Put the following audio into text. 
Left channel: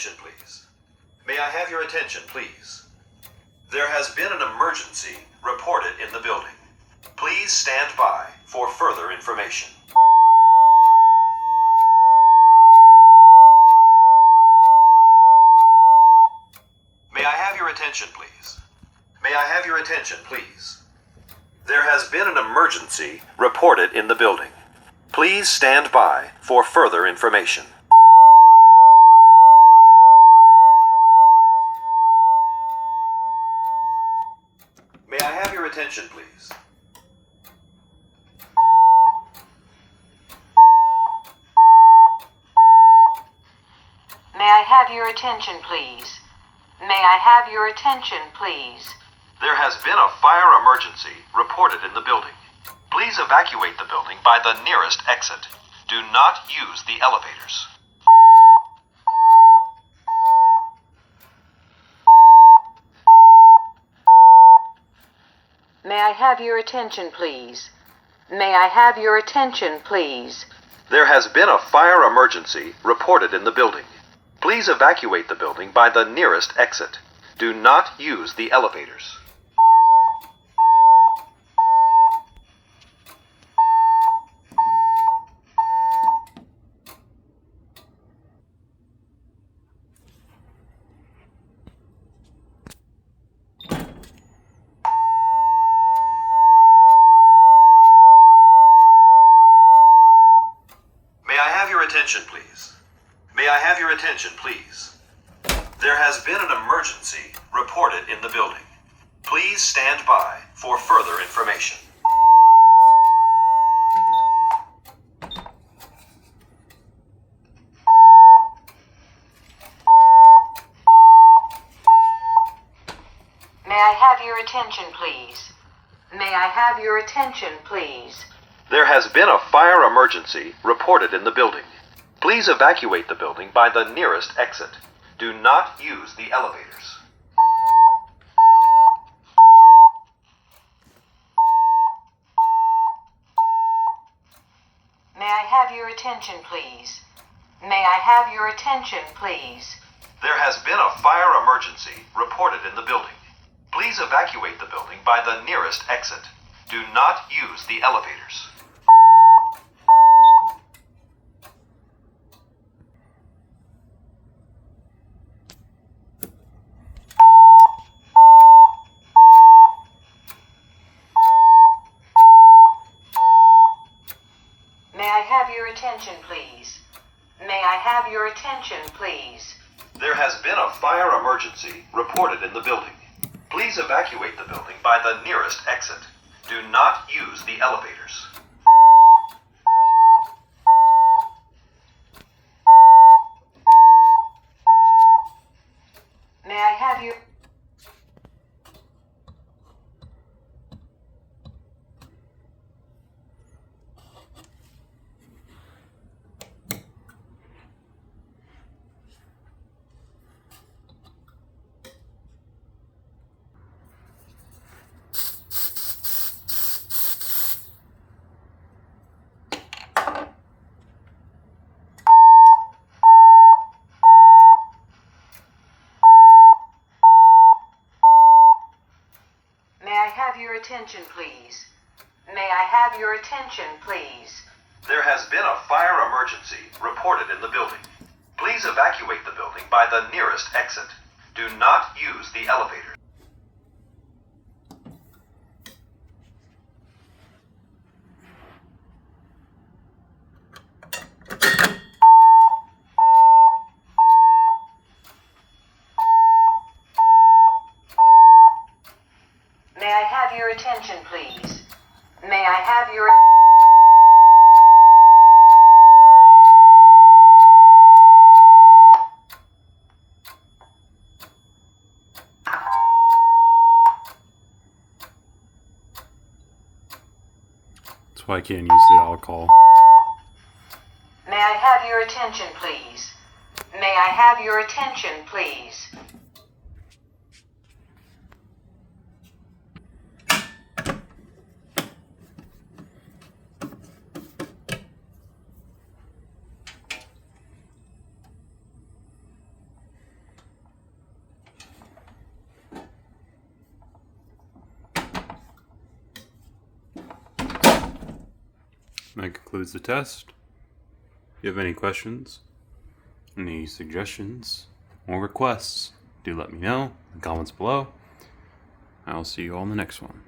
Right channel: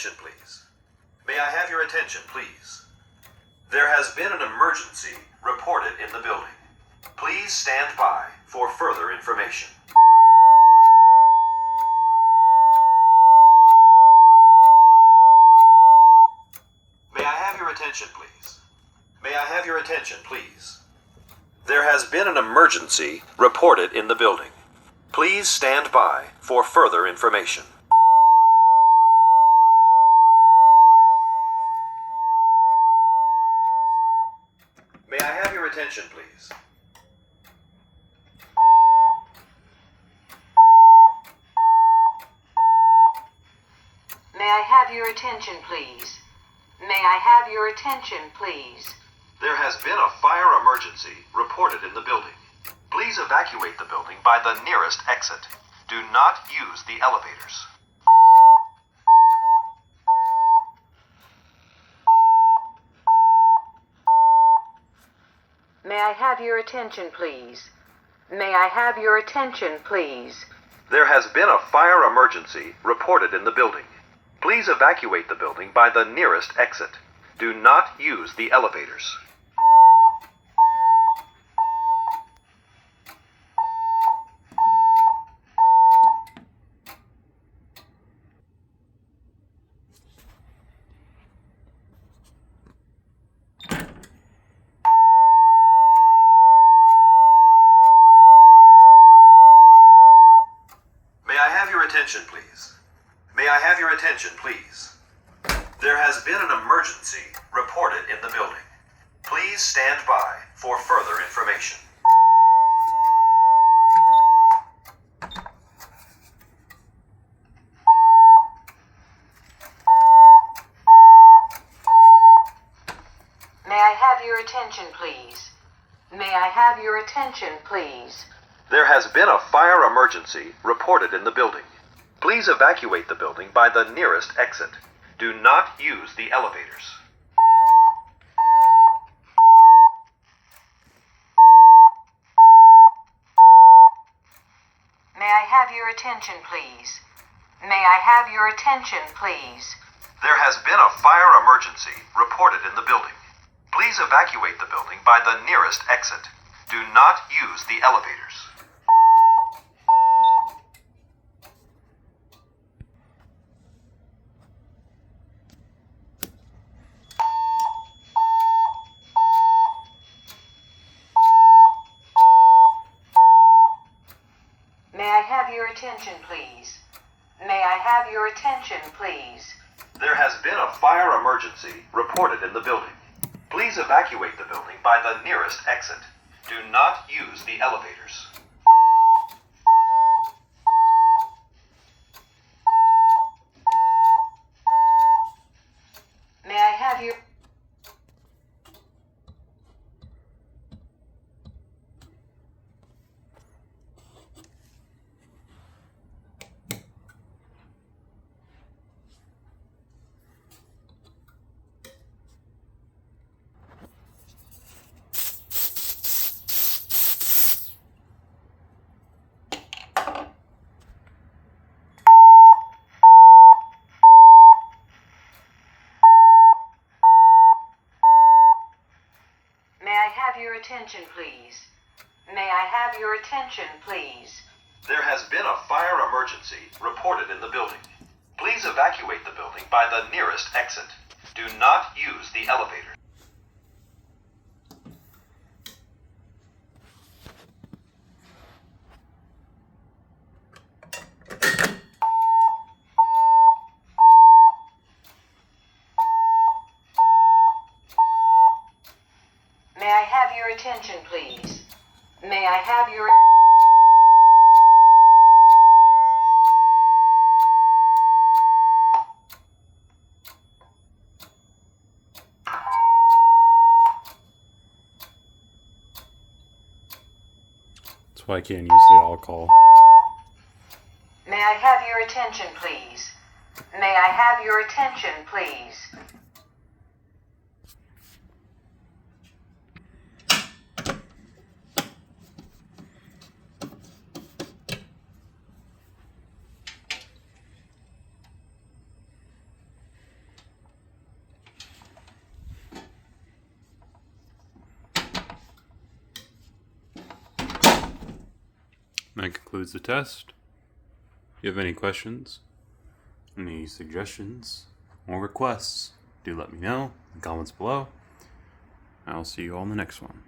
attention, please? May I have your attention, please? There has been an emergency reported in the building. Please stand by for further information. May I have your attention, please? May I have your attention, please? There has been an emergency reported in the building. Please stand by for further information. May I have your attention, please? May I have your attention, please? May I have your attention, please? There has been a fire emergency reported in the building. Please evacuate the building by the nearest exit. Do not use the elevators. May I have your attention, please? May I have your attention, please? There has been a fire emergency reported in the building. Please evacuate the building by the nearest exit. Do not use the elevators. May I have your attention, please? May I have your attention, please? There has been an emergency reported in the building. Please stand by for further information. May I have your attention, please? May I have your attention, please? There has been a fire emergency reported in the building. Please evacuate the building by the nearest exit. Do not use the elevators. May I have your attention, please? May I have your attention, please? There has been a fire emergency reported in the building. Please evacuate the building by the nearest exit. Do not use the elevators. May I have your attention, please? May I have your attention, please? There has been a fire emergency reported in the building. Please evacuate the building by the nearest exit. Do not use the elevators. May I have your... May I have your attention, please? May I have your attention, please? There has been a fire emergency reported in the building. Please evacuate the building by the nearest exit. Do not use the elevators. May I have your attention, please? May I have your... That's why I can't use the alcohol. May I have your attention, please? May I have your attention, please? That concludes the test. If you have any questions, any suggestions, or requests, do let me know in the comments below. I'll see you all in the next one.